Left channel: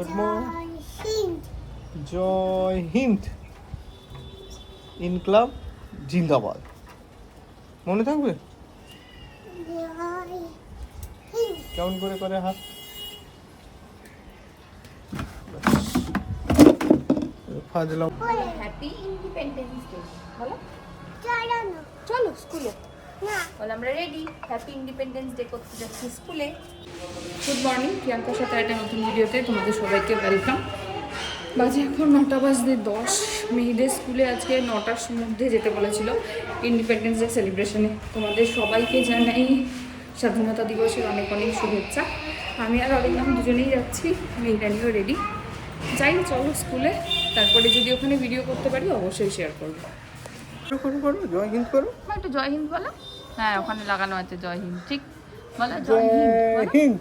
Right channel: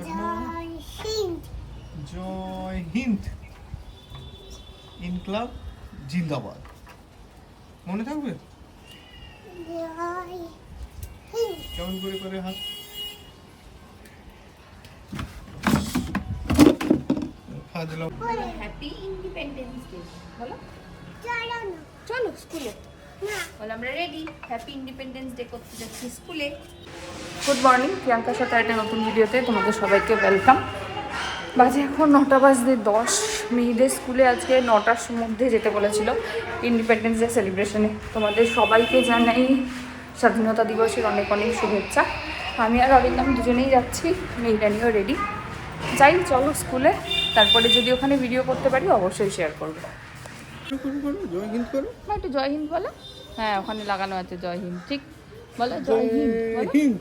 Good morning. Hind জয় হিন্দ ইনকলাব জিন্দাবাদ মনে থাকবে? জয় হিন্দ কেমন করে করে হাত। ফাজলাম। হ্যাপি ইন্ডিপেন্ডেন্স ডে বলো। চলো না। চলো স্কুলে। না। বলো আমরা রেডি হ্যাপি ইন্ডিপেন্ডেন্স ডে করতে যাচ্ছি স্কুলে। গুড মর্নিং প্রিয়াঙ্কার সাথে একটা নতুন ভিডিওতে তোমাদের সবাইকে ওয়েলকাম বাজে এখন নটা বাজতে দশ মেয়েদের স্কুলে আজকে নটার মধ্যে যেতে বলেছিল ইন্ডিপেন্ডেন্স ডে সেলিব্রেশনে তোমাদের সবাইকে জানাই স্বাধীনতা দিবসের অনেক অনেক শুভেচ্ছা। আমি আর অরিন্দম দুজনেই যাচ্ছি মেয়েটা নিয়েও রেডি যাই চলো স্কুলে। তারপরে যদি ওখানে ভিডিও করতে পারি অবশ্যই শেয়ার করব। করো করো করো জয় হিন্দ করো। মা, একটু জয় হিন্দ বলো। হ্যাঁ ওখানে লাগানো আছে জয় হিন্দ ঠিক? বলো জয় হিন্দ।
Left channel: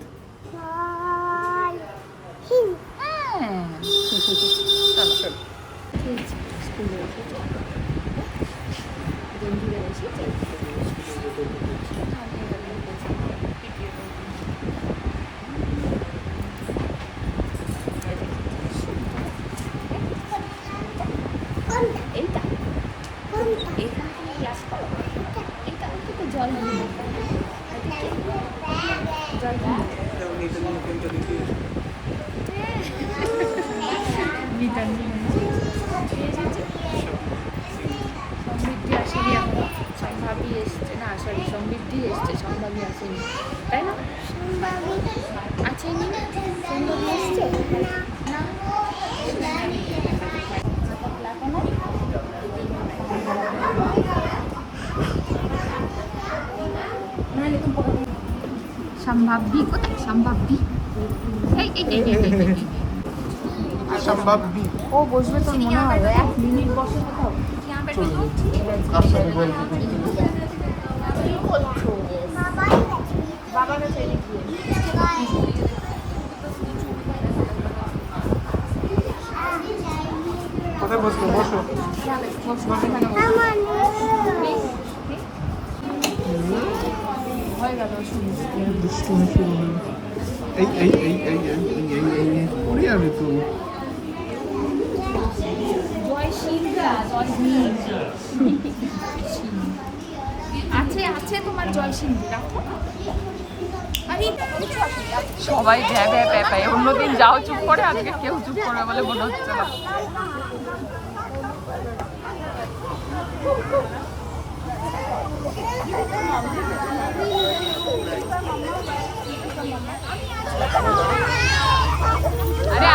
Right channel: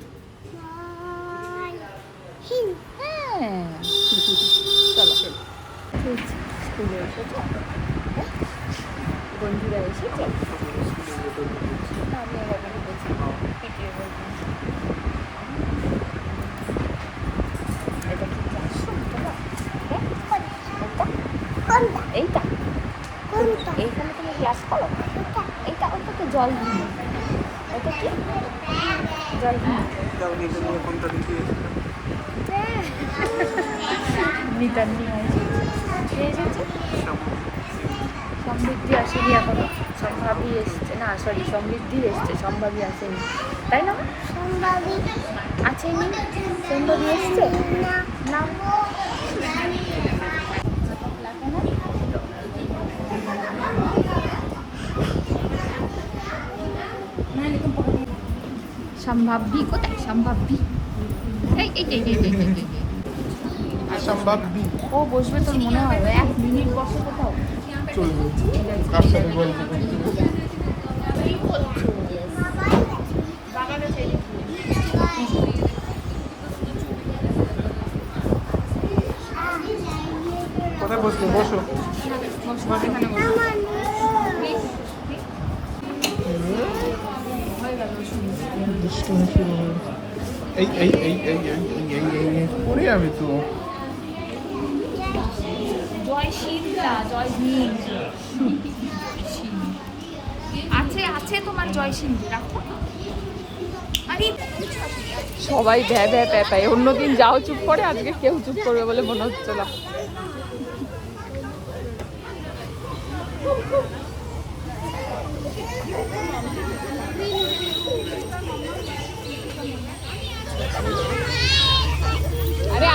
হ্যাঁ। চলো চলো স্কুলে এসে বন্ধুরা এসে চলো এইটা এইখানে তুমি গ্লাস করো এইটা ওটাকে জল দিয়ে ওটাকে জল দিয়ে এসেছে সমৃদ্ধি আসেনি এখনও সম্ভাবী এসছে না সরি সমৃদ্ধি এসছে সম্ভাবী আসেনি তাই না সম্ভাবী আছেনি সম্ভাবী কোথায়? সম্ভাবী ও বসবে তোর মনে হয় এক মিনিট বসে কোথাও? বাবা গেছে হয়ে গেল এই এই এই এই এই এই এই এই পড়ে যাবে তো আছে আছে তোমার জয় সিন্ধু সবাই ভ্যা ভ্যা প্যাপাই অন্যদিন যাও চুপ করে, আজকে কেউ চুপ করবে বলে মনে হচ্ছে না।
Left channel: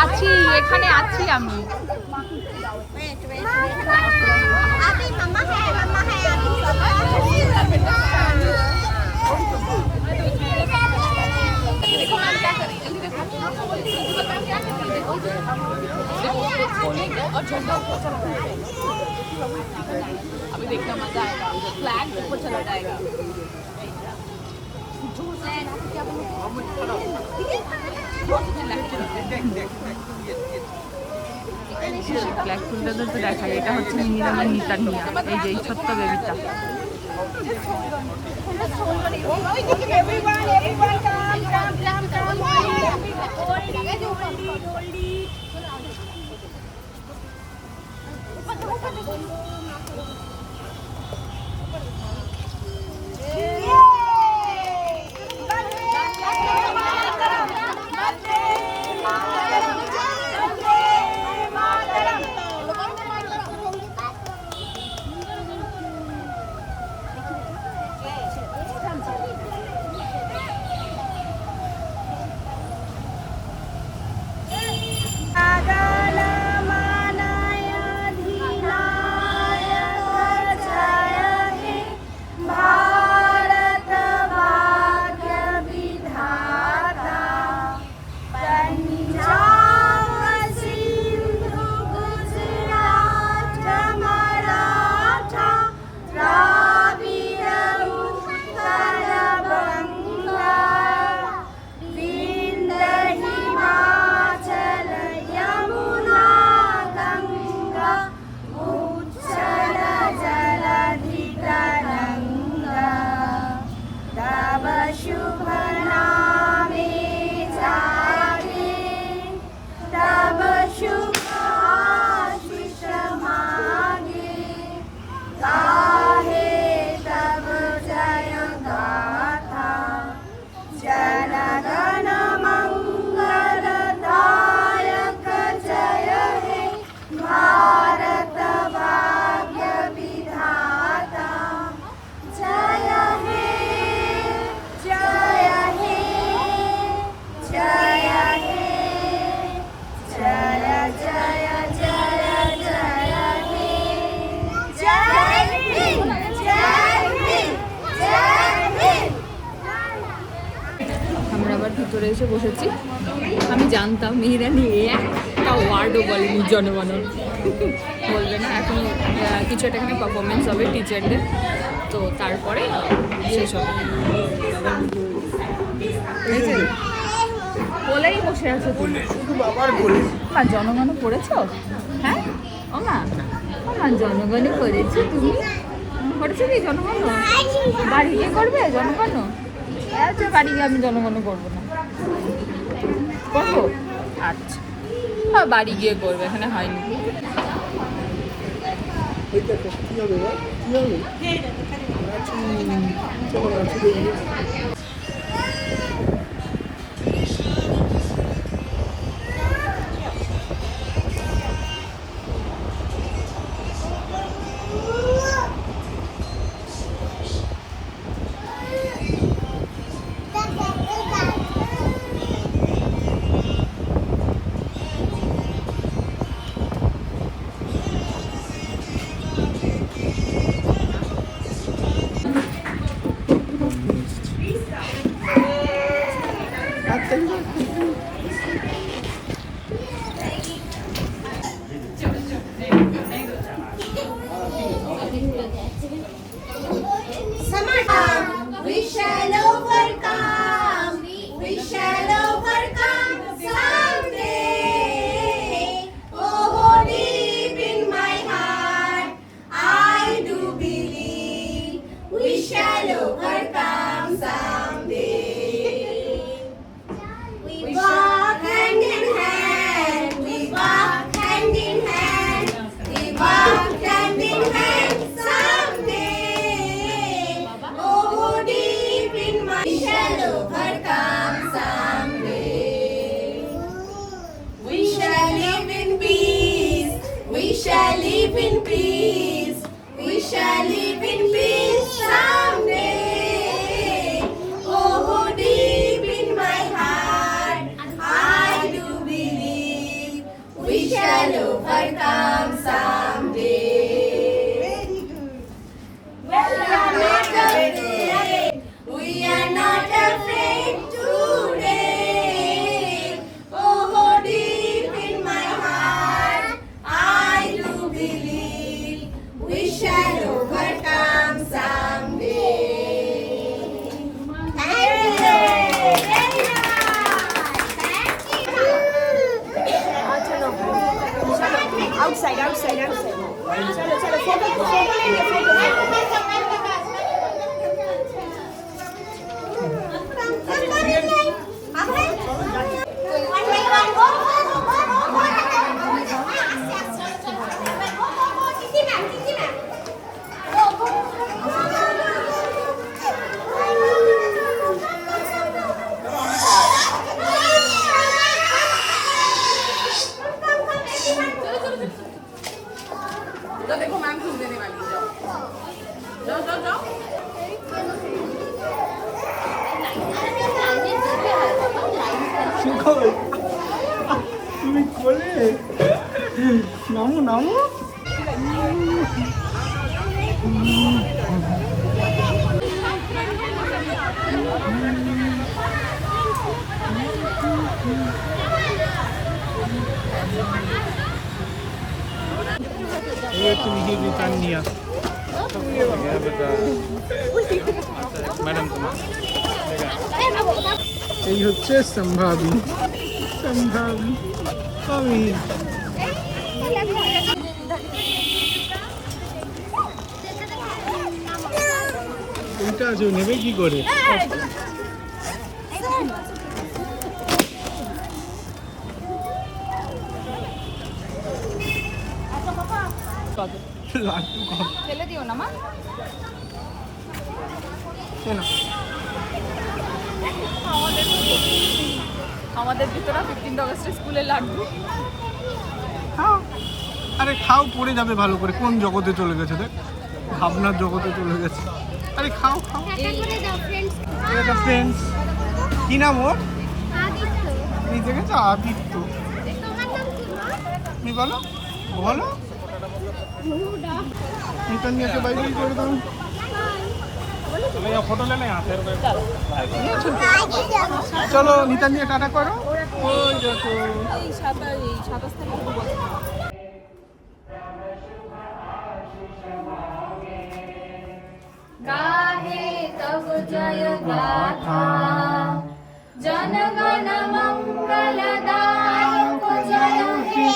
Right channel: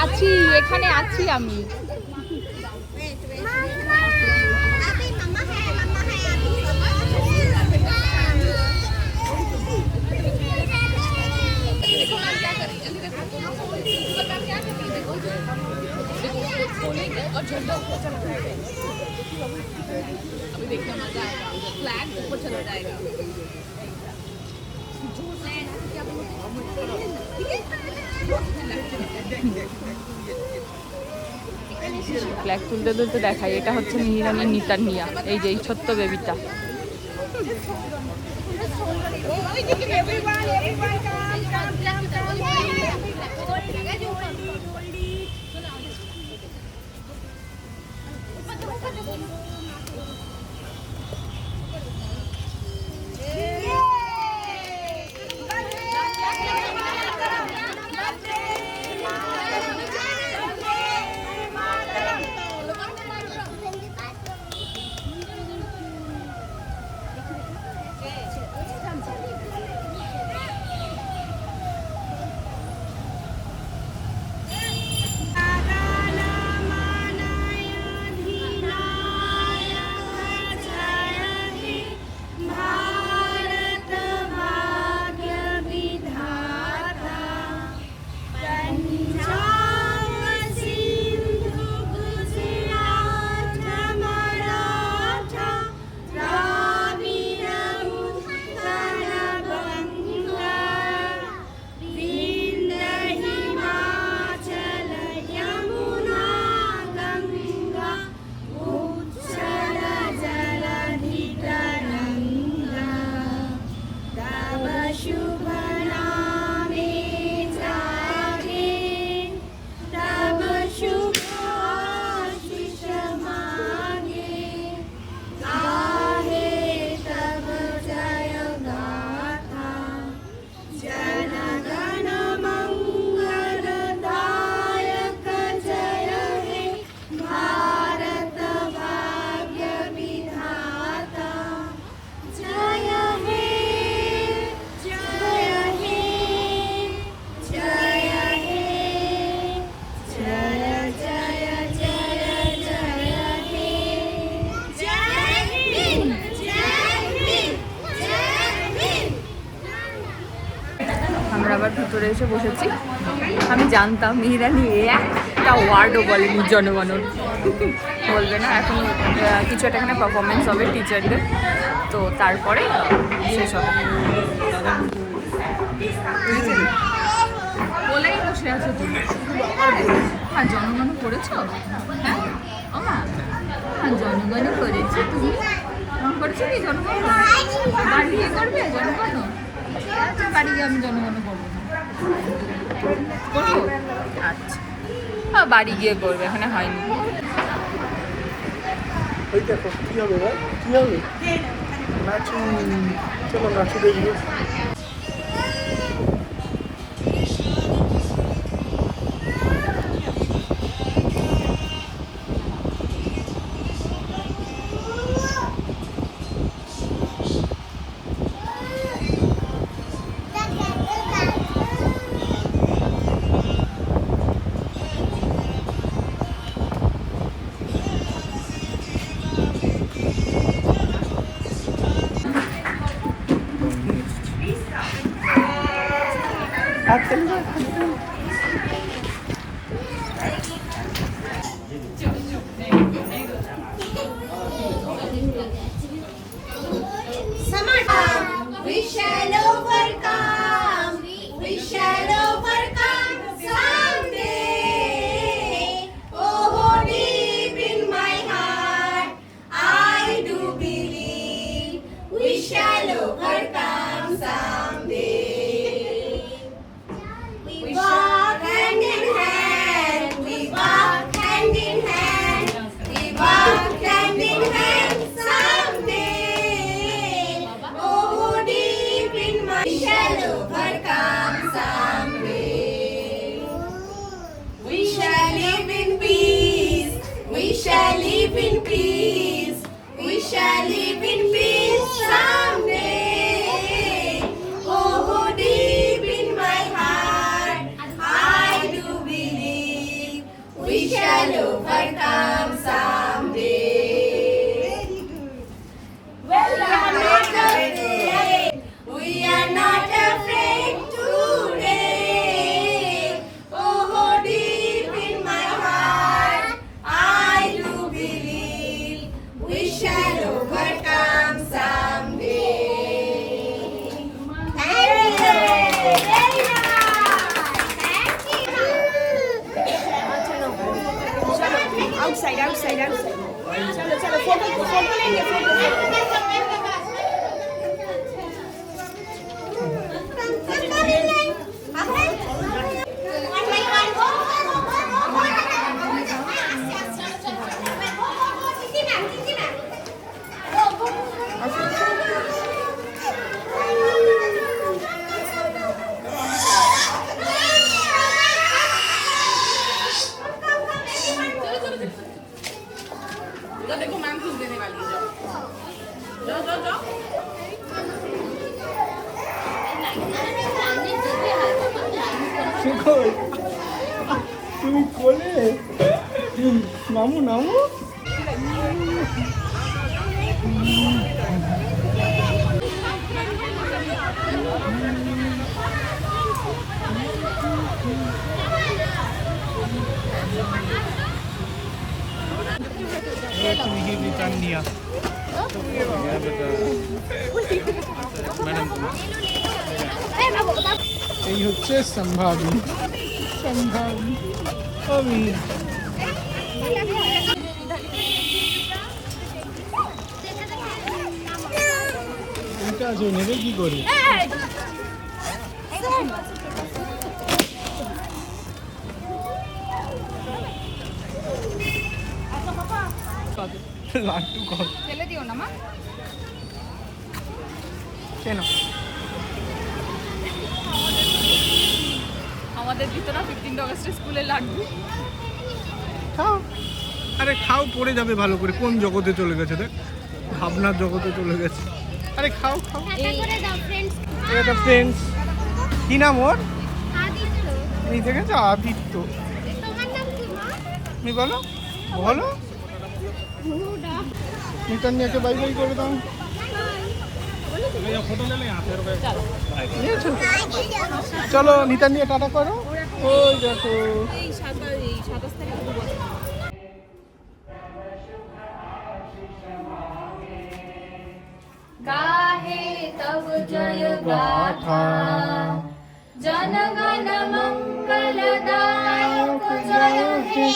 আছি এখানে আছি আমি अभी मम्मा है मम्मा है अभी पापा अभी देखना मजा आएगा फ्लैग ऊपर चला जाएगा ব্ল্যাক ফুলটাদের তো দেখাই এটা হচ্ছে নীলিমা নিতা নিয়া এই যে এই ছোট্ট বেবিটা এভরিওয়ান এভরিওয়ান কাম কাম কাম কাম ভেতরে এসে বসেছি। আমি জানতাম মিহিরানি একটা ওয়ার্ডও বলেনি জনগণন। বলবে না এখন কিছু একটা এখানে পারফরমেন্স হবে টিচারদের তো তারপরে শেষ হবে। বলেই বসে আছো তুমি। আর জনগণ পড়েছো হ্যাঁ? আমা আমার জনগণ করেছ তুমি? করেছ কি জনগণ বাড়ি গিয়ে করবে জনগণ আচ্ছা বাড়ি গিয়ে আমি জনগণ করব না। করব আচ্ছা। হ্যাঁ বাড়ি গিয়ে করবে এখানে হয়নি। কি হবে কি হবে? নাচু চলো নাচু দেখি pelo Marcado. outside, outside, outside. चलो चलो फोटो फोटो लेंगे फोटो শিখো nóng nóng Where can we give you time here? Yeah, but uh, madam, এই হচ্ছে সম্ভাবি সম্ভাবি কবি আছে নেবে কি করে? ফেলে দিও না মা। আমাদের ভিতরে ফিফটিন অগস্টে স্কুলে খাও। আরে খাও পড়ে যাবে ভালো করে। কোন জগতে চলে গেছে দেখ? ভাবনার জগতে চলে গেছে। আরে খাও খাও। এটা ফ্রেন্ডস কি নাম ওর? এই দেখেছ আদিত্য। তুমি বলো। বলো। ইন্টারনেটে করে দাও। চলো নিতা নিয়ে টাটা করো। এই সাতাশ এই সাতাশ তারিখ गाहे तव जय गाथा जनगण मङ्गलदायक जय हे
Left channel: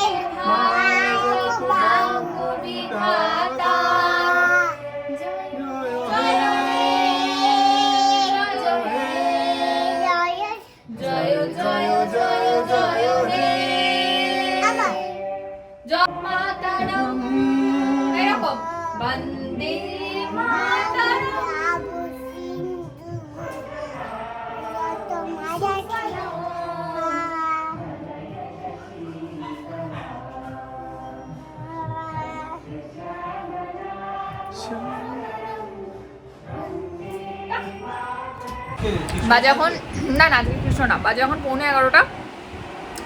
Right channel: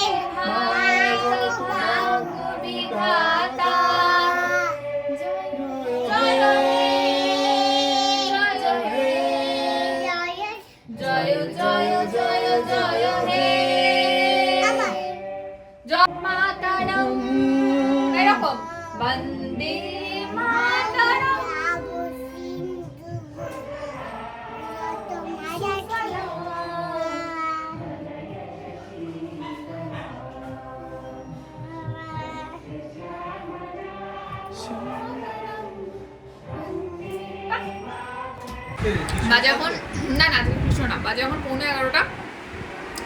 বাজে এখন না না কৃষ্ণ না বাজে এখন পৌনে এগারোটা।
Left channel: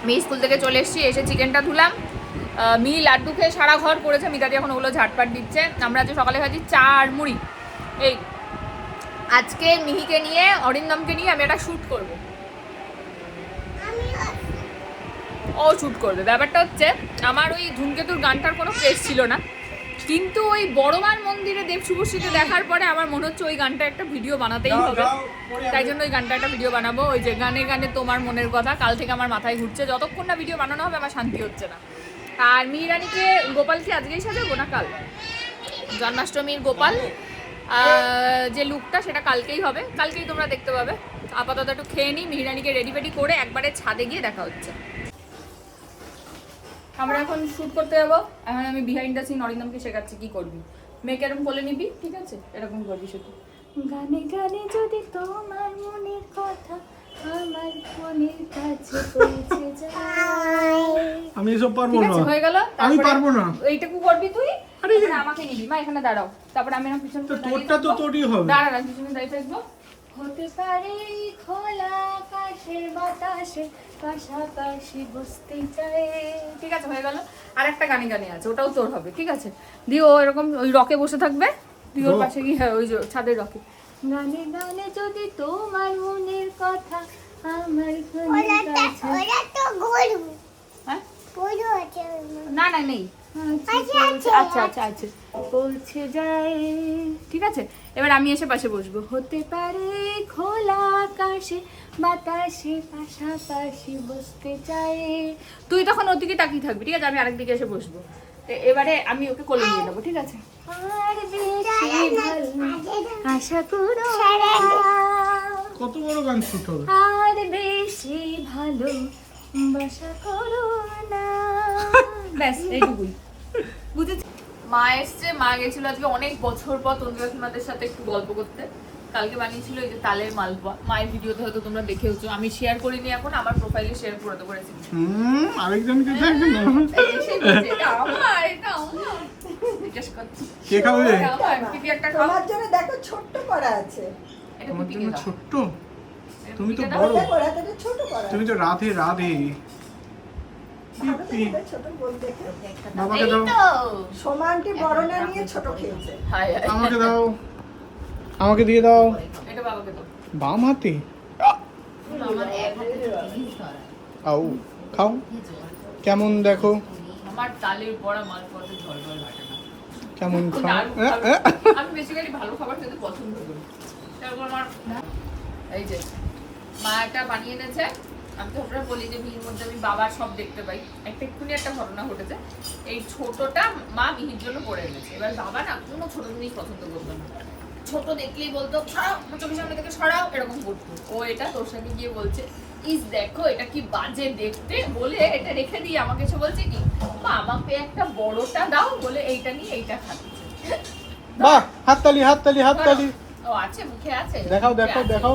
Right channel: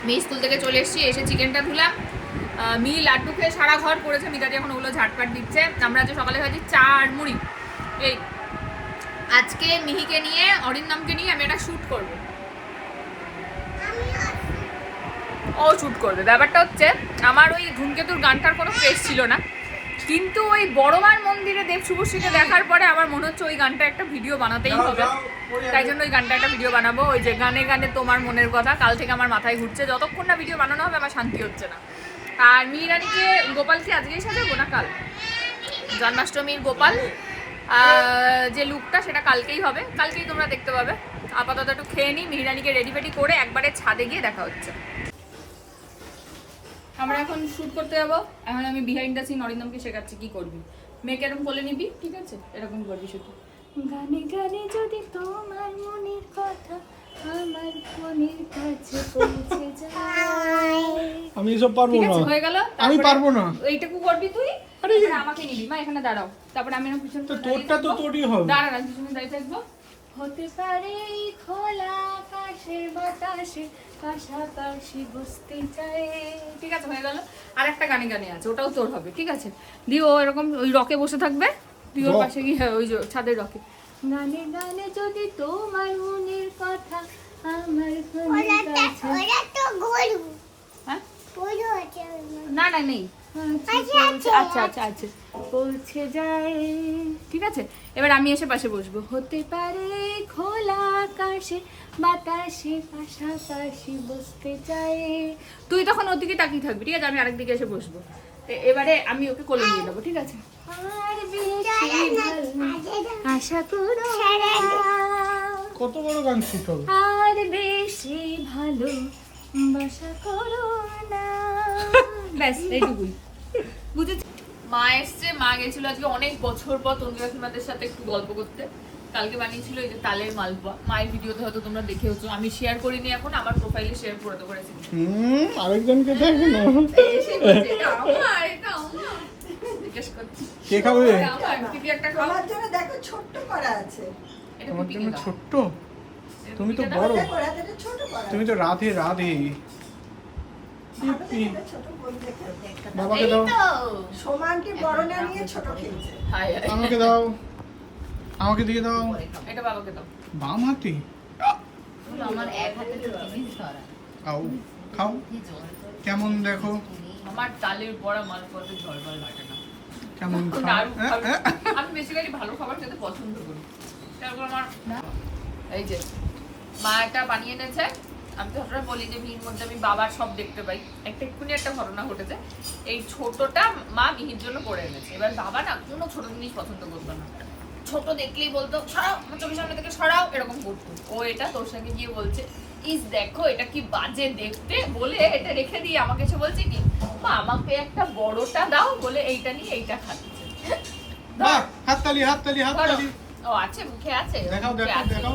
মেয়ে স্কুল থেকে চলে এসেছি, এসে চিকেনটা ধুলাম। মি লাড্ডু খেয়ে সারা ঘর করেছে, মিতাদি এখন ওগুলো ঝাটপাট দিচ্ছে। আমরা আজকে সকালে খাচ্ছি চা আর মুড়ি। এই, আজকে মিহিকে নিয়ে, অরিন্দমকে নিয়ে আমি একটা শ্যুট করব। ও শ্যুট করবে। ব্যাপারটা হচ্ছে, আমার ওই ধূমকেতুর গানটার কোনো ক্রেজ ছিল না। কিন্তু ওই বড়মার মন্দিরে দেব শুভশ্রীকে দেখার পরে আমার মনে হচ্ছে ওই গানটা একটা ভিডিও বানাতেই হবে। তাই জন্য ওই গানটা একটা ভিডিও বানাবো। ওই যে গানে গানে তোমার মনের কথা কাল থেকে আমার মাথায় ঘুরছে। যতক্ষণ না ভিডিও বানানো হবে আমার শান্তি হচ্ছে না। আর মিহিরানিকে গোপালকে আজকেই সাজাবো না কাল? জন্মাষ্টমীর গোপাল যে লুকটা সেটা কালকেই হবে। কালকেই তোমরা দেখতে পাবে। আপাতত একটু খেয়ে নিই মিহিরানিকে রেডি ফেডি করে একবারে ছাদে গিয়ে দেখা হচ্ছে। আমরা এখন শুট করতে যাব। এখন আমি বিহাইন্ড দ্য সিন অরিন্দমকে শেখাচ্ছি কি করবি। মেয়েকে এরকম বলে নিবি? ঠিক আছে? এরকম করবি শুধু। গানে গানে যদি তোমার মনের কথা আমার মনের কাছে পৌঁছে যায়। আমি এসব পারব না। হয়ে গেল? আমি পারব না। এইটুকু করবি তুই? আমাকে নিবি। মা এখানে দাঁড়াও। তারপরে আমি আমার পিছনে তোরটা তো তোরই হবে। দাঁড়া না পিছনে দাঁড়িয়ে থাকব। হতে পারে খোলা আকাশে বাতাসে পাশাপাশি বসতে চাই ঠিক আছে হয়ে গেল। আর একটা গানে গানে আছে ওটাও তোর হবে ঠিক আছে? দিয়ে ও এরকম ওই রকে বসে থাকবে তুই ওর পাশে গিয়ে হ্যাঁ ওই ছাদের রকে। গানে গানে যদি তোমার মনের কথা আমার কাছে হ্যাঁ? না না নেই। আচ্ছা আচ্ছা। আচ্ছা আচ্ছা পৌঁছে যায়। ঠিক আছে? এবার আমি এসে পাশে বসবো। হতে পারে খোলা আকাশে বাতাসে পাশাপাশি বসতে চায়। তুই তখন ওদিকে তাকিয়ে থাকবি ঠিক আছে? আমি আরেকদিকে এসে বসবো। এবারে আমি ওকে কোলে নিয়ে নেব ঠিক আছে? আর বেশি ভালো আশা করো কত বড় গান শুট আর বেশি ভালো বাসা করো না। ব্যাস এইটুকুই। বুঝেছি। মা এসছে মা গেছিল আজকে অনেক বছর পর তন্দুরা সীমাদের সাথে একটু গল্প করতে। কালকে বানিয়েছিল এই যে তালের মালপোয়া। মায়ের ভিডিওতে হয়তো তোমরা দেখেওছো। আমি শেয়ার করিনি এখন আমার প্রোফাইলে শেয়ার করে দেবো রেসিপি হুম আরেকজনকে দেখ না এটা আমার এটা আমার। জিজ্ঞেস করছি। কে খাবে? আমার পিপি একটা খাও। জন্য দেখো ছোট্ট করা আছে। এটা ছোট্ট? তুমি তো বড়। ছোট তুমি তো রাধে রাধে ভালো দেখে ছোট বল দেখে বাবাকে দাও। সমানটি বড় না নিয়ে ছোট খেয়েছে হাই হাই আমাকে দাও। আমাকে দিয়ে দাও। এটা বাবাকে দাও। বাম হাতে? আমার এক হাতে আও খাও কেমন দেখো? আমার বড়া মালপোয়াতে ঝলমল লাগে না। কেমন আমি বেসিক্যালি ভালো খাবার খেতে পছন্দ করি। তারপর আমার এই যে মা এটা বানিয়ে এনেছে। আমি তো সবসময় বলি যে মিহির মধ্যে আমি বাবার সব দেখতে পাই। একটা এক্ষুনি একটা ঘটনা ঘটেছে। এই ছোটটা মা মিহির জন্য করে এনেছে। এবার বাবা না কোনো ছোট জিনিস পছন্দ করতো না। ছোট দেখলেই বলতো সরাও চোখের সামনে থেকে সরাও এরকম করতো। ও এটা তোর সঙ্গে গিয়ে বলছে ইস দেখো এটা কি বাজে দেখতে? বলে এটা রেখে দিয়ে আমাকে এসে বলছে কি মা আমাকে একটা বড়টা দাও বলে এইটা নিয়ে এইটা খাচ্ছে। বাহ হাততালি হাততালি হাততালি। ও আছে মুখে আছে দেখাও আছে। দেখাও।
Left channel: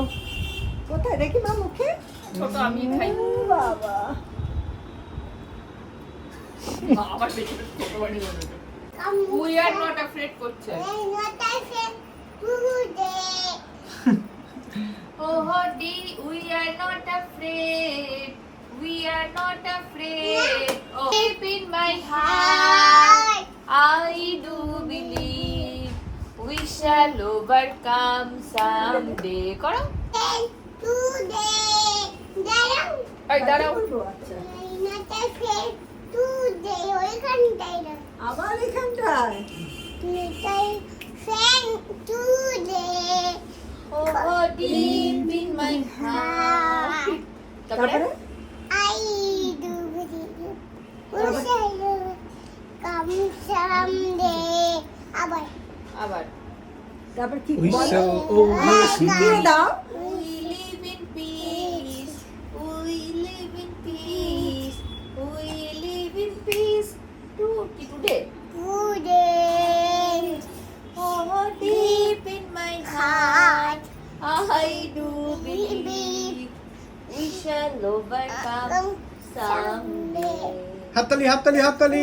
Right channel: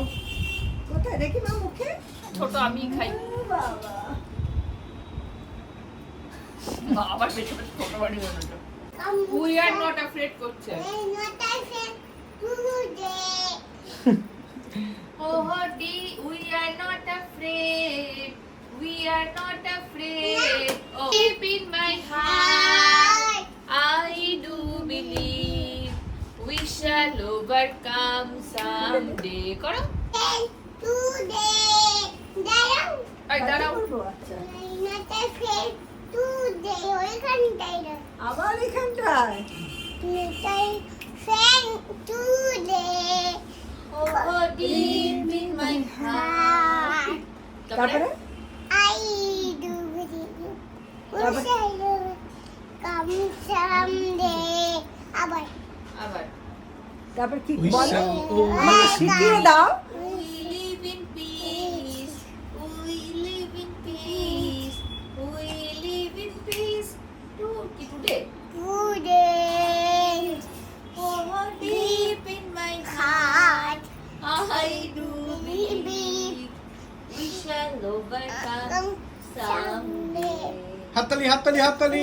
কোথায়? দেখি মা মুখে। ছোট আমি খাই ও বাবা মা আবার বেশি বেশি ছোট বাড়ি উই আর নট অ্যাফ্রেড করছে Oh, Hoti, we are not afraid. We are not afraid. Oh, deep in my heart, I do believe we shall overcome someday করো Today, আবার এখানটায় Oh. তারপরে I do believe we shall come someday আবার আবার তারপর কি We বলো মানে দাও হাততালি হাততালি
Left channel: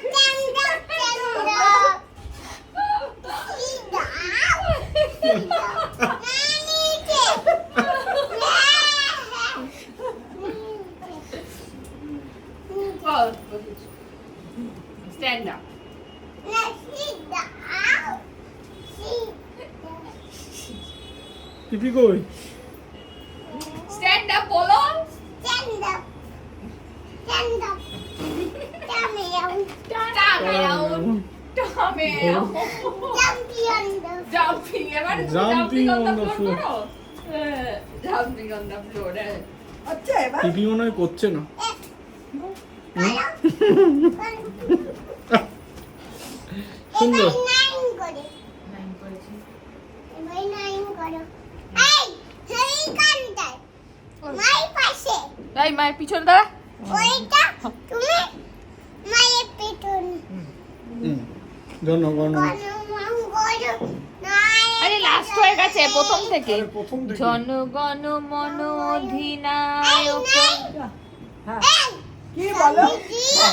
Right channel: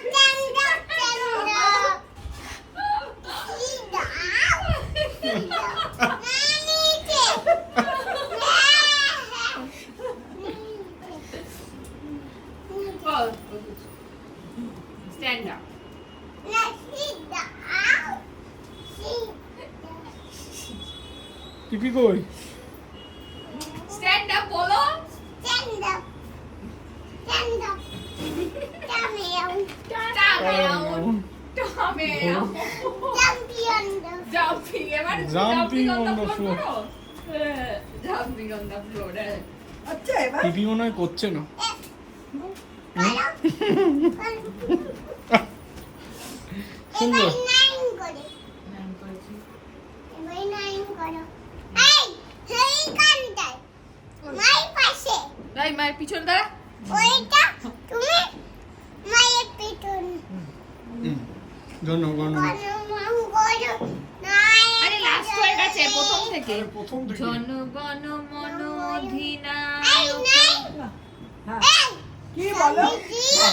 Hickory Stand up, stand up, stand up. Sit down. Nanite. Oh, Stand up. Now sit down. Sit টিপি কই Stand up, বলো। Stand up. Stand up. Come here. Down. Down. Champion the Jumping. এবার Jumping on on the the floor floor. করো। হ্যাঁ, Jumping on the floor. হ্যাঁ। আচ্ছা এবার টিপি মনে হয় করছে না সুন্দর মায়ের পিছন দাঁড়া তুমি মায়ের পেছন। জনগণ আরে লাস্ট হয়ে গেছে প্রথম থেকে। প্রথম থেকে। জনগণ মন অধিনায়ক। নাই হ্যাঁ। এই। কি বলো?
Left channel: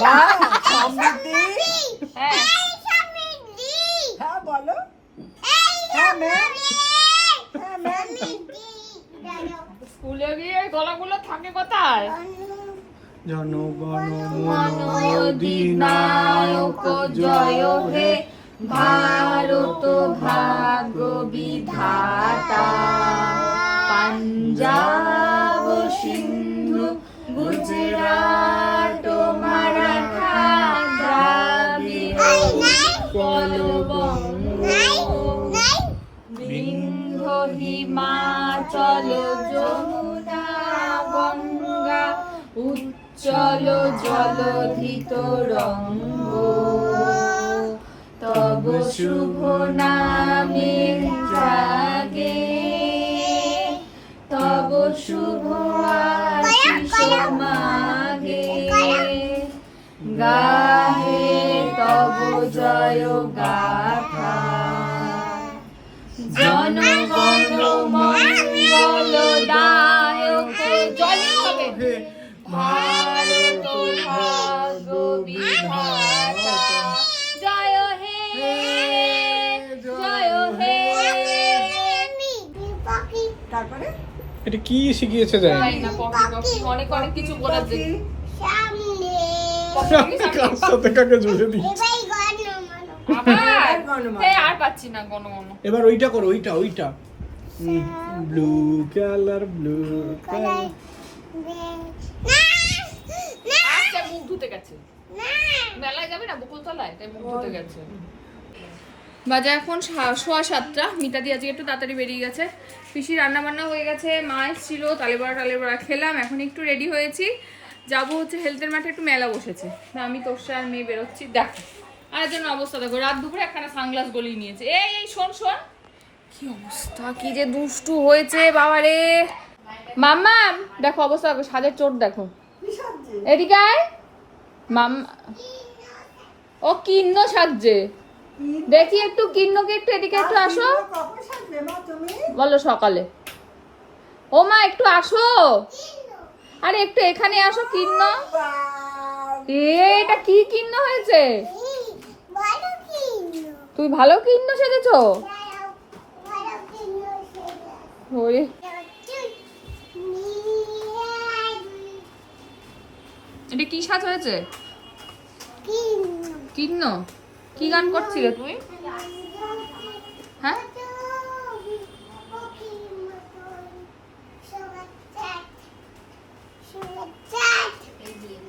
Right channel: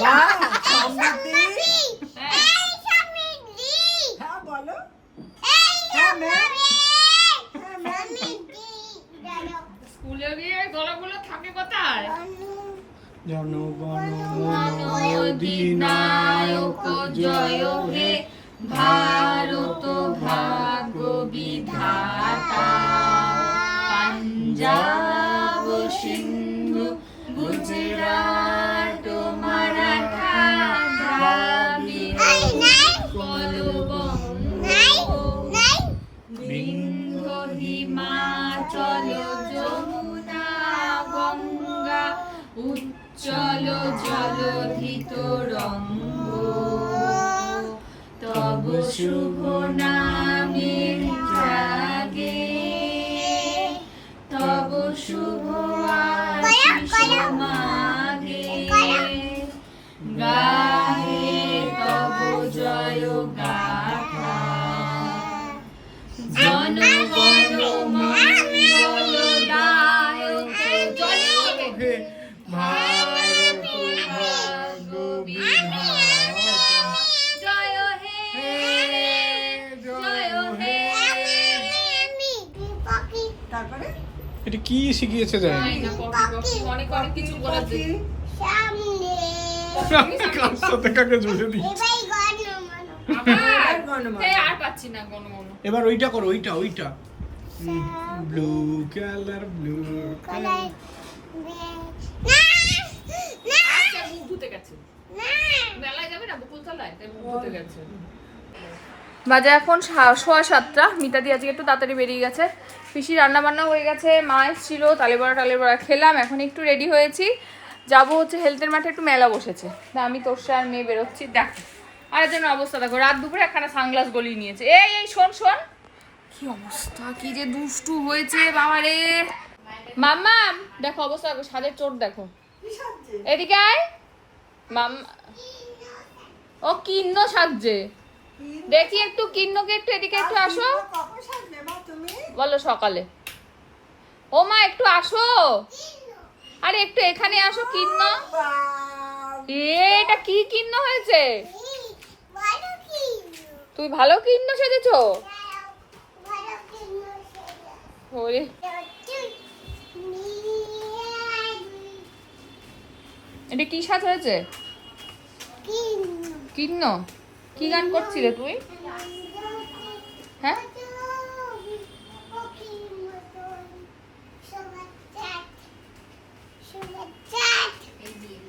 বাবা সমৃদ্ধি হ্যাঁ এই সমৃদ্ধি হ্যাঁ বলো। হ্যাঁ ম্যাম হ্যাঁ ম্যাম স্কুলে গিয়ে গলাগুলো থাকে কোথায়? জনগণ মন অধিনায়ক জয় হে ভারত ভাগ্য বিধাতা পাঞ্জাব সিন্ধু গুজরাট মারাঠা দ্রাবিড় এই নাই কলবঙ্গ নাই বিন্ধ হিমাচল যমুনা গঙ্গা উচ্চল জলধিত চলো ধৃত রঙ্গ। তব শুভ আশিস এটা কি শিখিয়েছে জানি অনেক অনেক কিছু কার সাথে কাকে জুড়ে এবার ওইটা করো ওইটা ওইটা। ব্লু কালার ব্লু কালার মেলায় যাবে না? বকুলতলায়? তাই মুখ ধুতে গেছে। বাজে এখন সোয়া সাতটা। মিতাদি আজকে একটু তাড়াতাড়ি বেরিয়ে গেছে। পিসি রান্না বান্না হয়ে গেছে, মা ছিল তালে বড়া, টালে বড়া খেলাম, এখন একটু রেডি হয়েছি। যাব হচ্ছে হেলথের মাঠে, একটু মেলা বসেছে। আমি তোর সাথে নিয়ে বেরোচ্ছি, দেখ। আর যেন অবস্থা দেখো, রাত দুপুরে একখানা সানগ্লাস গলিয়ে নিয়েছে। এই এই, শোন শোন। কি অবস্থা, কি যে দুষ্টু হয়েছে, বাবারে। মাম্মাম, দেখো অবস্থা, দেখো, সাজের চোট দেখো। এদিকে আয়। মাম ও কিন্ন সাজছে। দেখি একটু কিন্নকে একটু এদিকে একটু আসো। তুমি? বলো সকালে। ও মা একটু আসো। আরে একটু এখানে আসো কিন্ন। এটা কি কিন্ন হয়েছে? তুই ভালো কিন্ন সেজেছো? ওরে। এটা কি সাজ হয়েছে? কিন্ন? কি গান করছিলে তুই হ্যাঁ?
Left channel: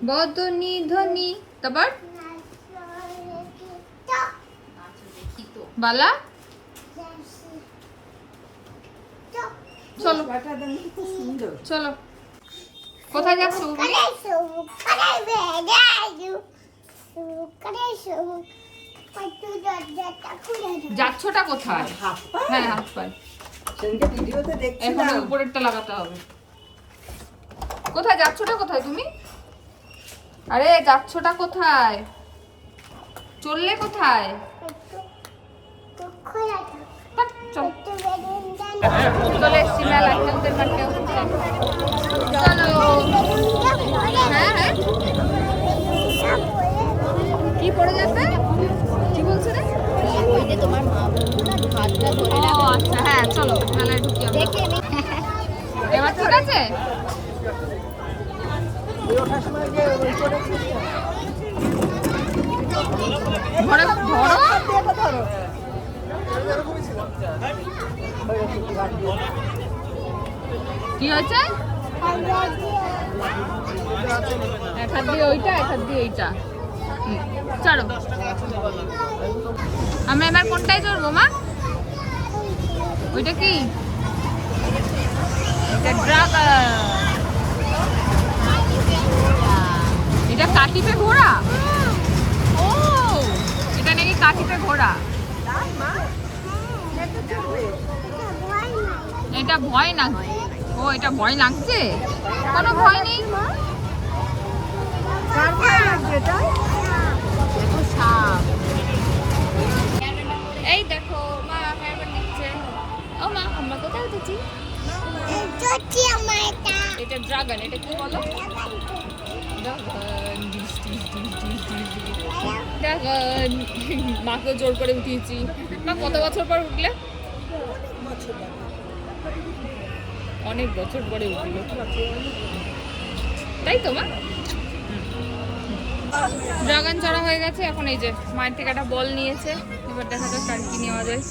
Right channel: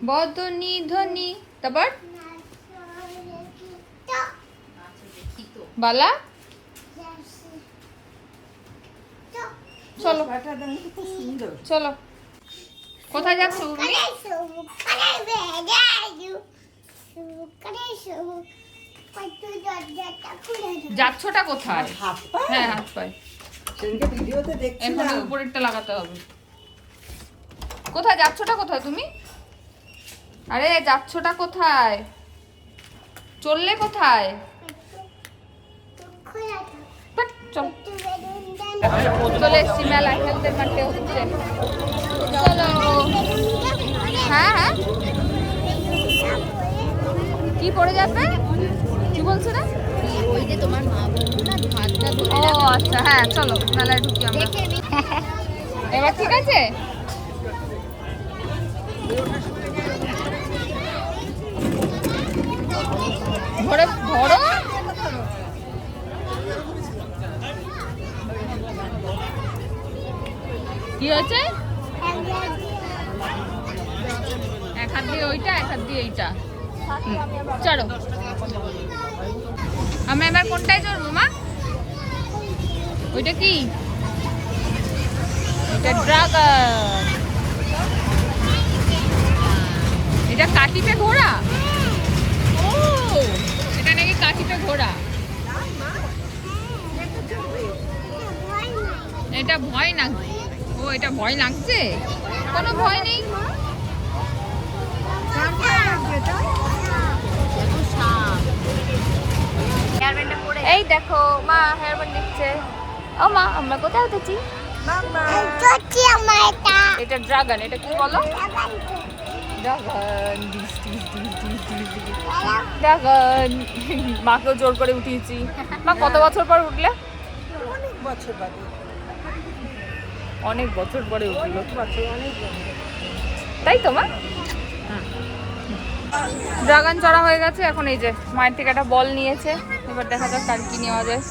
বদনি ধ্বনি তারপর? বালা? চলো। চলো। কোথায় যাচ্ছ? যাচ্ছটা কোথায়? হ্যাঁ হাত ভিডিওতে এখন উপরেরটা লাগাতে হবে। কোথায়? যাচ্ছটা কোথায় তুমি? আরে যাচ্ছটা কোথায়? চললে কোথায়? চল। এসছি মেলা। হ্যাঁ হ্যাঁ। কি পড়ে যাবে? তোমার মা বলব না হাতটা ধরে ও আচ্ছা হ্যাঁ চলো মেলায় ঢুকি আমরা। এবার ঠিক আছে? ধরো ধরো। কি হয়েছে? এক হাত দিয়ে ওইটা এক হাত দিয়ে এইটা। চলো। আমরা এবার কোনটায় চড়বো মা? ওইটা কি? এটা কাটিপে ঘোড়া? ও এটা নাকি কাটিপে ঘোড়া? এটা ভয় না ও এটা ভয় লাগছে কোনো ভয় নেই? সাপ। দেখো মা হেয়ার ব্যান্ড দিচ্ছে। ও মা আমরা কোথায় উঠেছি? এটা। ড্রাগন এটা কি বলো? ড্রাগন। মাকেও জোর করে উঠিয়েছি। মা কত বছর পর উঠলে? অনেক বছর পরে। উঠল। তাই তো মা? ড্রাগন চড়া হয়ে গেছে এখন এই যে মায়ের থেকে একটা বল নিয়েছে। এবার দেখা যাক তার কি নেওয়া যায়।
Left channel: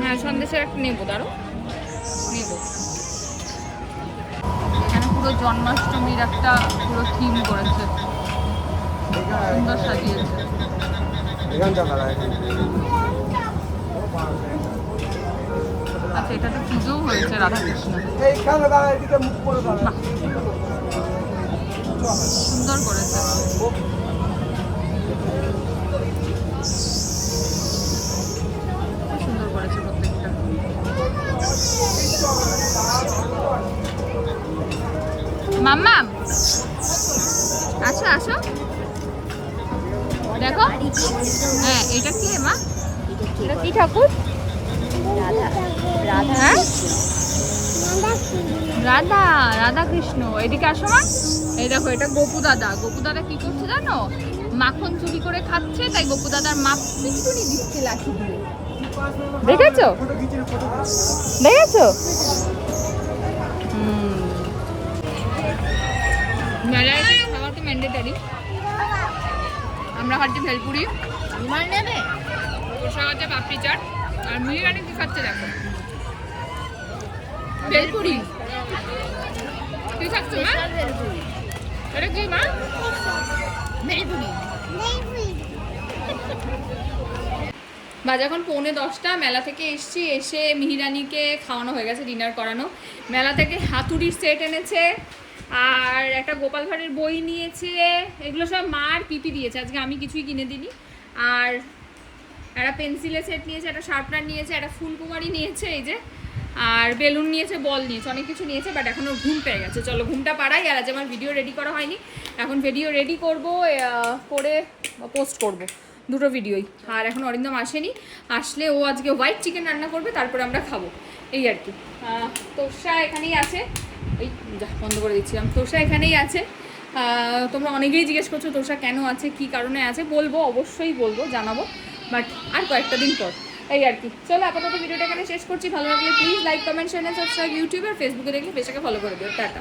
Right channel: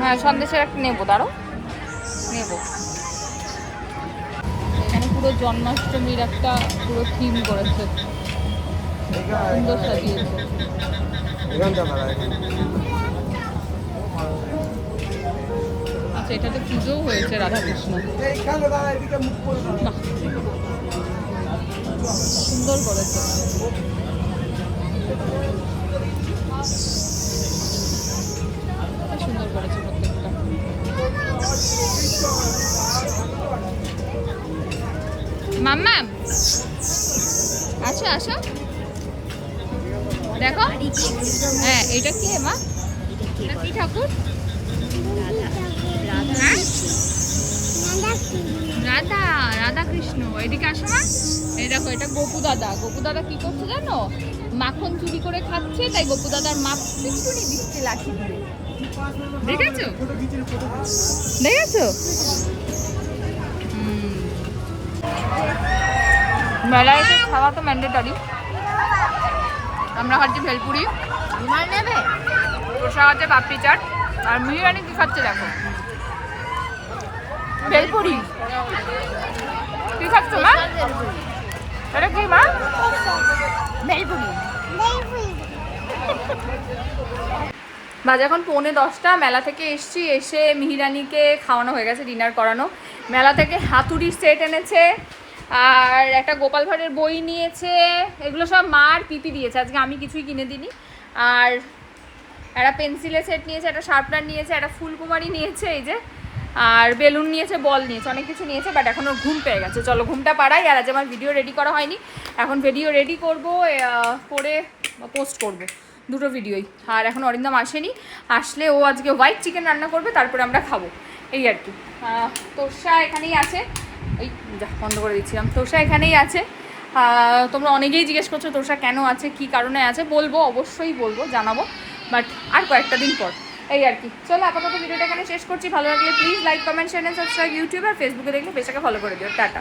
হ্যাঁ সন্দেশের একটা নেব দাঁড়ো নেব। জন্মাষ্টমীর একটা পুরো থিম করেছে। সুন্দর সাজিয়েছে আচ্ছা এটাতে পুজোও হয়েছে রাধাকৃষ্ণ সুন্দর করেছে। আসো আসো। দেখো। হ্যাঁ এটা কি মা? এটা কি ঠাকুর? হ্যাঁ? রাধা রাধা রাধা কৃষ্ণ এদিকে আসো মা। এই দেখো, এটা গোপু দাদা। গোপু দাদা কি করছে জানো? মাখন চুরি করে খাচ্ছে, তাই গোপু দাদার মা পিছুনি দিচ্ছে লাঠি দিয়ে। দেখেছ? মেলায় খাওয়া তো ম্যান্ডেটরি আমরা খাচ্ছি ভেলপুরি রুমাল নেবে? তোষা হচ্ছে পাপড়ি চাট আর মিহিরানি কি খাচ্ছে দেখো? ভেলপুরি কি খাচ্ছ মা? এটা কি মা? ভেলপুরি বাজে এখন পৌনে দশটা মেলা থেকে এসছি এসে মিহিরানিকে খাওয়ানো হয়ে গেছে ডিনার করানো। মেলা থেকে হাতুড়ি সেট এনেছে। আর একটা গোপাল ভাঁড়ের বই নিয়েছে। এগুলো সব মার পিপি দিয়েছে। আজকে আমি কিছুই কিনে দিইনি। আর একটা পেন্সিলের সেট নিয়েছে, একটা শার্পনার নিয়েছে, একটা ফুলকুমারি নিয়েছে, এই যে। আর বেলুন নিয়েছে, বল নিয়েছে, অনেক কিছু নিয়েছে বাট এখন ওর ঘুম পেয়ে গেছে। চলো, ঘুমটা পাড়াই, আর আজ আমার ভিডিও রেডি করা হয়নি। এখন ভিডিও রেডি করব করে পোস্ট করব। দুটো ভিডিওই। আর এখন অরিন্দম আসেনি। আসলে ও আজকে হোয়াইট চিকেন রান্না করবে, তারপরে আমরা খাব। এই আর কি। তোষা এখানেই আছে। এই যা, বন্ধ করে দিচ্ছিলাম। তোষা এখানেই আছে। তোমরা অনেকেই জিজ্ঞেস করছ, তোষা কেন আছে, কি কারণে আছে? বলব, অবশ্যই বলব, জানাব। বাট আর কয়েকটা দিন পর। এই আর কি। চলো, আপাতত ভিডিওটা এখানে শেষ করছি। ভালো লাগলে please like comment share subscribe YouTube আর ফেসবুকে দেখলে পেশাকে ফলো করে দিও। টাটা।